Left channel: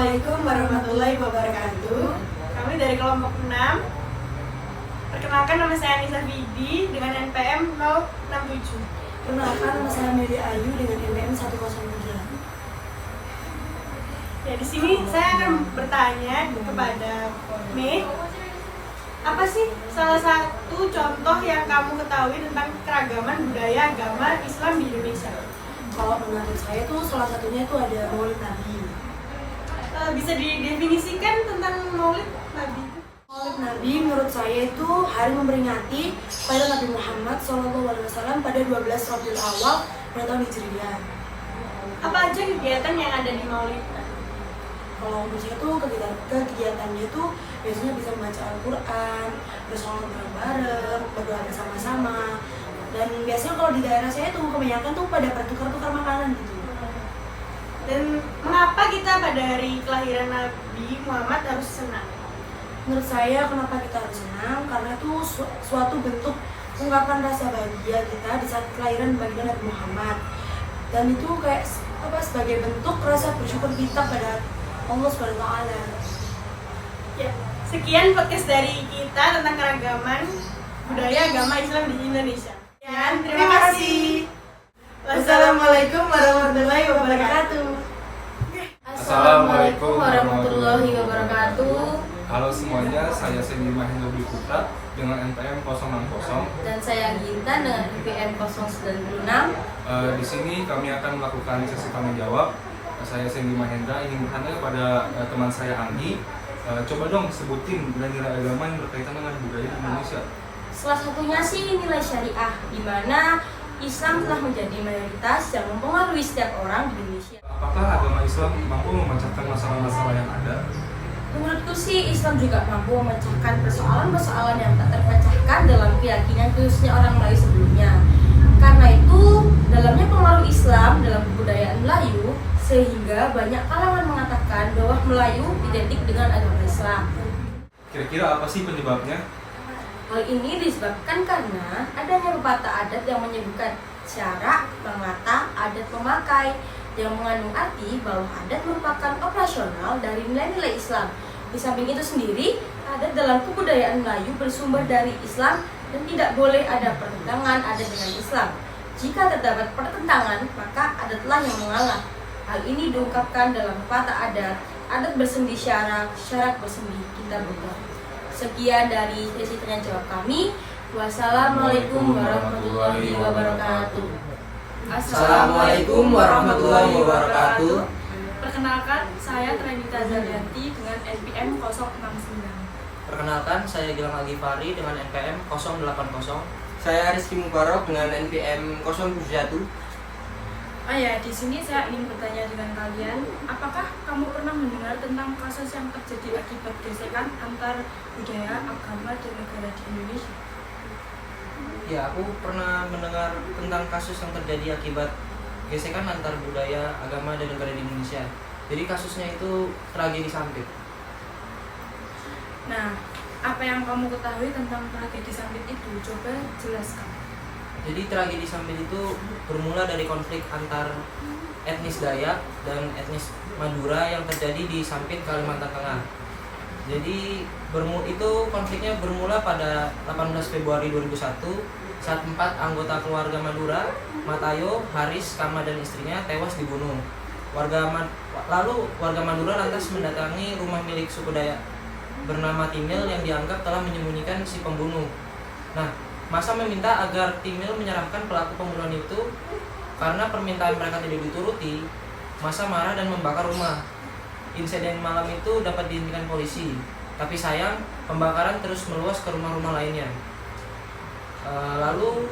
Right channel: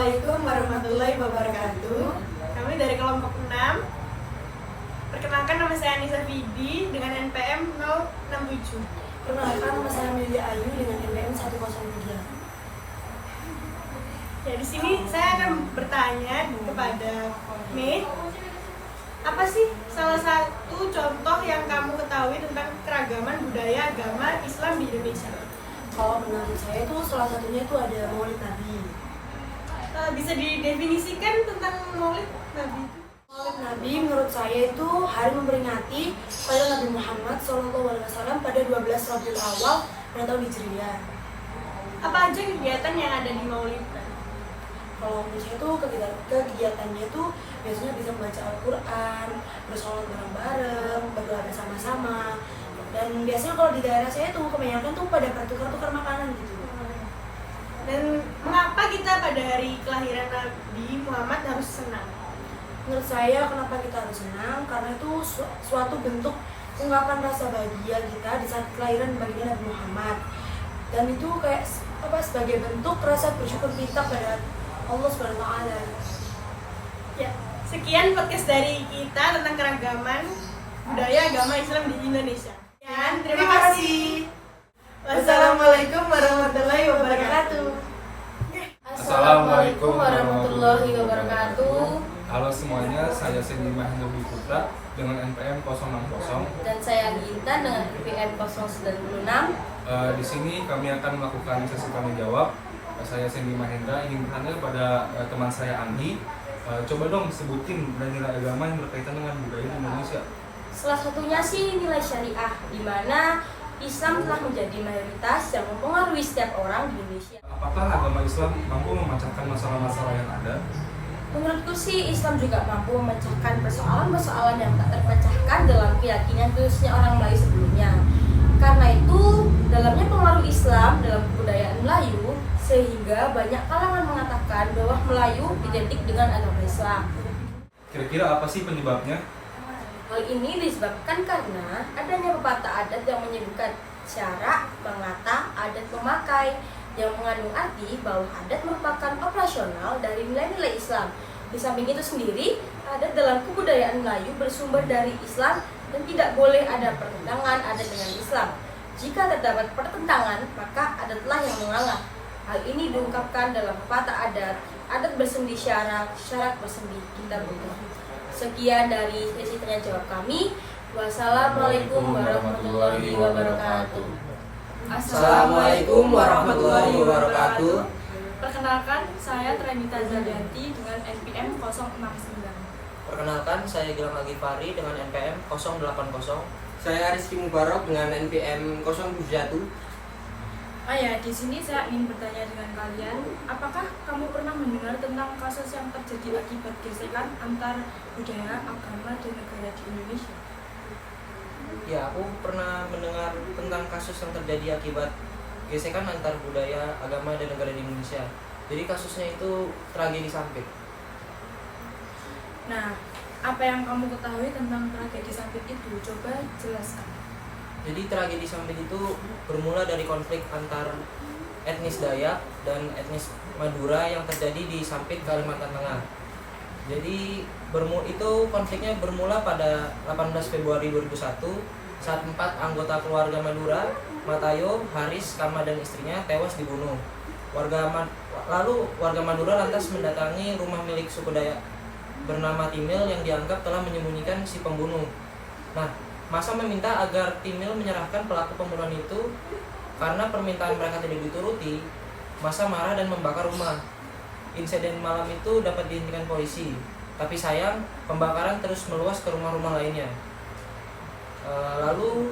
Assalamualaikum warahmatullahi wabarakatuh. Kami dari kelompok 6. Perkenalkan, nama saya Anissa Fidi dengan NPM 067. Perkenalkan, nama saya Meli Ayu dengan NPM 103. Ya, di sini saya akan bertanya kepada Mei, apa sih salah satu contoh yang kamu ketahui tentang keragaman budaya agama Islam di Indonesia? Kalau menurut saya itu salah satunya itu ada Maulid Nabi. Bisa didefinisikan tentang Maulid Nabi? Maulid Nabi menurut saya itu hari memperingati pada Nabi Muhammad SAW pada 12 Rabiul Awal pada tahun Hijriah. Apa aja kegiatan yang ada di Maulid? Kalau menurut saya itu kegiatannya itu biasanya bisa membaca Al-Quran, bersolat bareng-bareng, berdoa bersama-sama. Dan biasanya kalau di daerah saya tuh kebanyakan tuh pada bertukar-tukar makanan gitu. Dan mengapa kita pada hari kelahiran Nabi Muhammad harus senang? Menurut saya kenapa kita harus senang? Karena itu suatu bentuk ungkapan rasa bahagia kita di saat kelahiran baginda Nabi Muhammad. Dan itu kayak sebagai bentuk rasa bersyukur kita pada Allah SWT. Ya, sekian podcast dari kita tentang keragaman budaya agama Islam di Indonesia. Dan terima kasih. Wassalamualaikum warahmatullahi wabarakatuh. Assalamualaikum warahmatullahi wabarakatuh. Halo semuanya, saya Sendi Mahendra Dwi Putra dengan NPM 060. Dan saya Ginta dengan NPM 096. Di sini kami akan melakukan sesi tanya jawab. Saya Sendi Mahendra ingin bertanya kepada teman saya Andi. Coba dong sebutin nilai-nilai agama yang berkaitan dengan budaya Indonesia. Salah satunya sih nilai syariah, di mana Islam telah menjadi mayoritas yang mempengaruhi setiap orang di Indonesia. Apakah agama Islam mampu memecahkan masalah-masalah yang ada? Menurutku sih Islam juga mampu memecahkan persoalan-persoalan yang tak terpecahkan dalam keyakinan khususnya orang Melayu sebelumnya. Karena itu, dalamnya pengaruh Islam dalam kebudayaan Melayu, sehingga banyak kalangan mengatakan bahwa Melayu identik dengan agama Islam. Kira-kira apa sih penyebabnya? Hal ini disebabkan karena adanya pepatah adat yang menyebutkan syarak, pengata, adat memakai, yang mengandung arti bahwa adat merupakan operasional dari nilai-nilai Islam. Di samping itu sendiri, adat dalam kebudayaan Melayu bersumber dari Islam dan tidak boleh ada pertentangan adat dengan Islam. Jika terdapat pertentangan, maka adatlah yang mengalah. Hal ini diungkapkan dalam pepatah adat bersendi syarak, syarak bersendi kita buka. Sekian dari sesi tanya jawab kami. Wassalamualaikum warahmatullahi wabarakatuh. Assalamualaikum warahmatullahi wabarakatuh. Perkenalkan, saya Trenita Zalianti dengan NPM 069. Perkenalkan, saya Gilang Agifari dengan NPM 080. Saya Rizky Mubarok dengan NPM 071. Di sini saya ingin bertanya dengan kalian, apakah kamu pernah mendengar tentang kasus yang terjadi akibat gesekan antar budaya, agama, dan negara di Indonesia? Ya, aku pernah mendengar tentang kasus yang terjadi akibat gesekan antar budaya, agama, dan negara di Indonesia. Jadi kasusnya itu tragedi Sampit. Nah, apa yang kamu ketahui tentang tragedi Sampit itu? Coba jelaskan. Jadi tragedi Sampit itu bermula dari konflik antar etnis Dayak dan etnis Madura yang terjadi di Sampit, Kalimantan Tengah. Jadi konfliknya bermula pada 18 Februari 2001 saat 4 anggota keluarga Madura, Matayo, Haris, Kama, dan istrinya tewas dibunuh. Lalu warga Madura lantas mendatangi rumah milik suku Dayak bernama Timil yang dianggap telah menyembunyikan si pembunuh. Nah, massa meminta agar Timil menyerahkan pelaku pembunuhan itu. Karena permintaan mereka tidak dituruti, massa marah dan membakar rumah. Insiden malam itu dapat dihentikan polisi, tapi sayang pembakaran terus meluas ke rumah-rumah lainnya. Lalu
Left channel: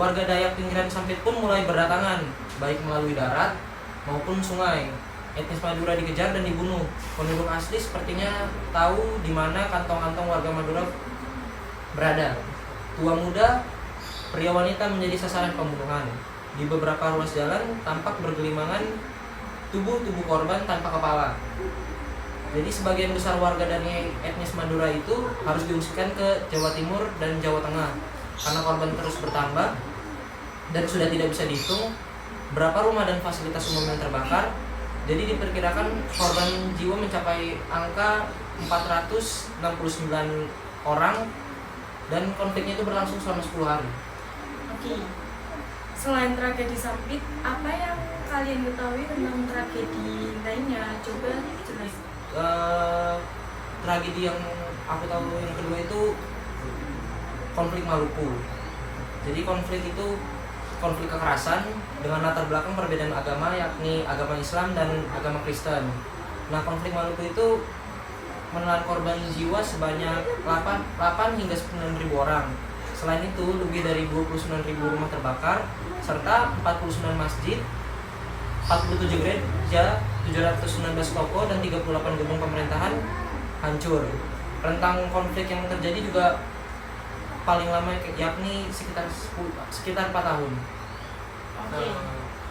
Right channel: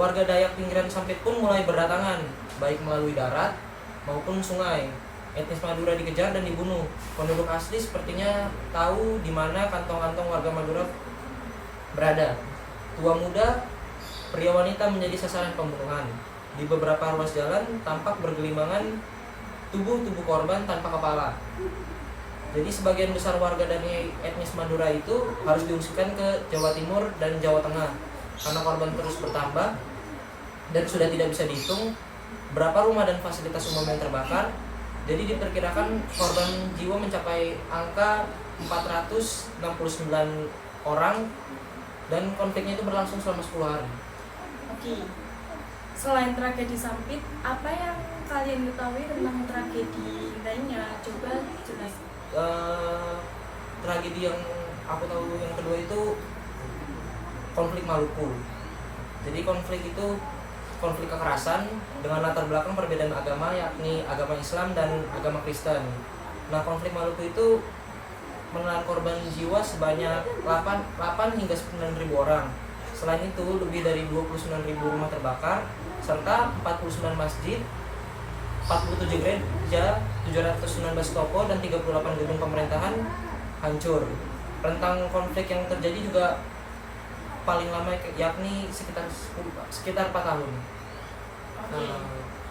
warga Dayak pinggiran Sampit pun mulai berdatangan, baik melalui darat maupun sungai. Etnis Madura dikejar dan dibunuh. Penduduk asli sepertinya tahu di mana kantong-kantong warga Madura berada. Tua muda, pria wanita menjadi sasaran pembunuhan. Di beberapa ruas jalan tampak bergelimangan tubuh-tubuh korban tanpa kepala. Jadi sebagian besar warga dari etnis Madura itu harus diungsikan ke Jawa Timur dan Jawa Tengah. Karena korban terus bertambah dan sudah tidak bisa dihitung berapa rumah dan fasilitas umum yang terbakar, Jadi diperkirakan korban jiwa mencapai angka 469 orang dan konfliknya itu berlangsung selama 10 hari. Oke. Selain tragedi Sampit, apa yang kalian ketahui tentang tragedi lainnya? Coba jelas. Tragedi yang aku tahu yang kedua itu konflik Maluku. Jadi konflik itu konflik kekerasan dengan latar belakang perbedaan agama, yakni agama Islam dan agama Kristen. Nah, konflik Maluku itu menelan korban jiwa sebanyak 8 hingga 9.000 orang. Selain itu, lebih dari 29.000 rumah terbakar, serta 49 masjid, 47 gereja, 719 toko, dan 38 gedung pemerintahan hancur. Rentang konflik yang terjadi juga paling lama yakni sekitar 4 tahun. Oke.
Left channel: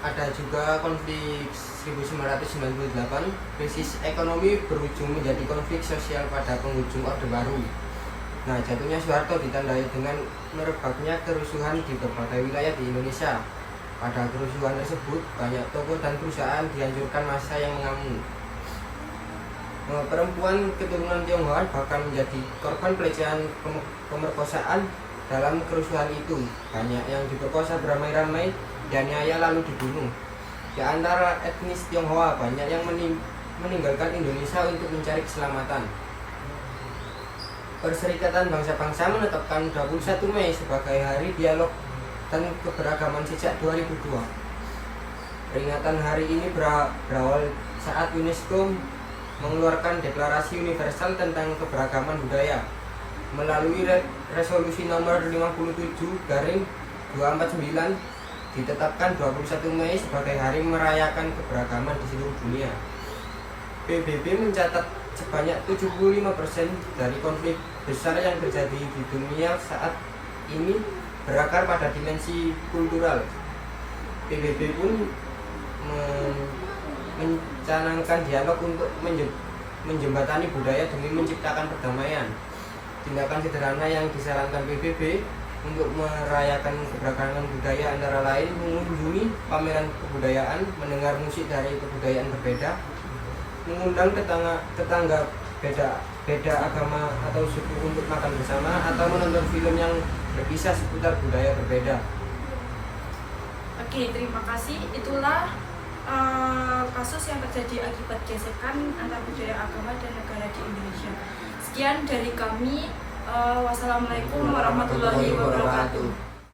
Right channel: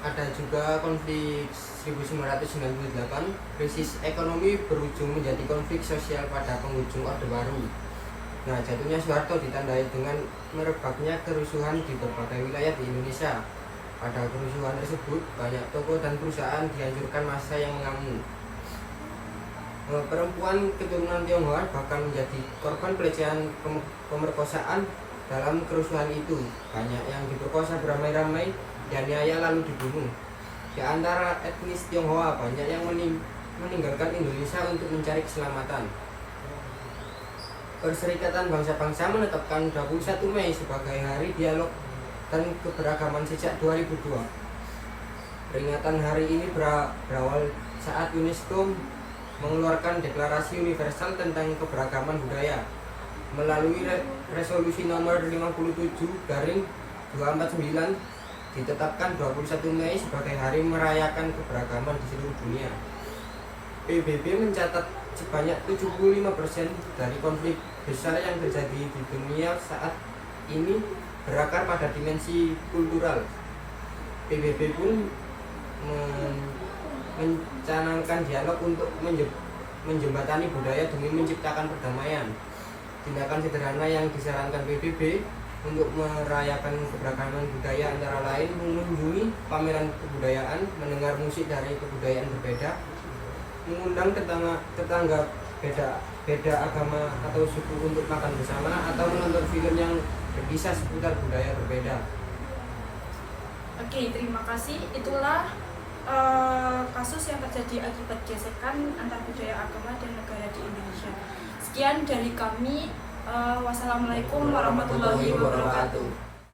Ada juga konflik 1998, krisis ekonomi berujung menjadi konflik sosial pada penghujung Orde Baru. Nah, jatuhnya Soeharto ditandai dengan merebaknya kerusuhan di berbagai wilayah di Indonesia. Pada kerusuhan tersebut, banyak toko dan perusahaan dihancurkan massa yang mengamuk. Perempuan keturunan Tionghoa bahkan menjadi korban pelecehan pemerkosaan dalam kerusuhan itu. Banyak yang diperkosa beramai-ramai dan nyaya lalu dibunuh. Di antara etnis Tionghoa, banyak yang meninggalkan Indonesia untuk mencari keselamatan. Perserikatan Bangsa-Bangsa menetapkan 21 Mei sebagai Hari Dialog dan Keberagaman sejak 2002. Peringatan hari ini berawal saat UNESCO mengeluarkan Deklarasi Universal tentang Keberagaman Budaya melalui resolusi nomor 57/249 ditetapkan 21 Mei sebagai hari merayakan keberagaman di seluruh dunia. PBB mencatat sebanyak 75% dari konflik besar yang terjadi di dunia saat ini berakar pada dimensi kultural. PBB pun mencanangkan dialog untuk menjembatani budaya demi menciptakan perdamaian. Tindakan sederhana yang disarankan PBB untuk merayakan keberagaman budaya antara lain mengunjungi pameran kebudayaan, mendengar musik dari kebudayaan berbeda, mengundang tetangga beda agama atau suku untuk makan bersama, atau menonton film yang berkisah seputar budaya berbeda. Oke, terima kasih. Itulah kasus yang terjadi akibat gesekan antar budaya agama dan negara di Indonesia. Sekian dari kami. Wassalamualaikum warahmatullahi wabarakatuh.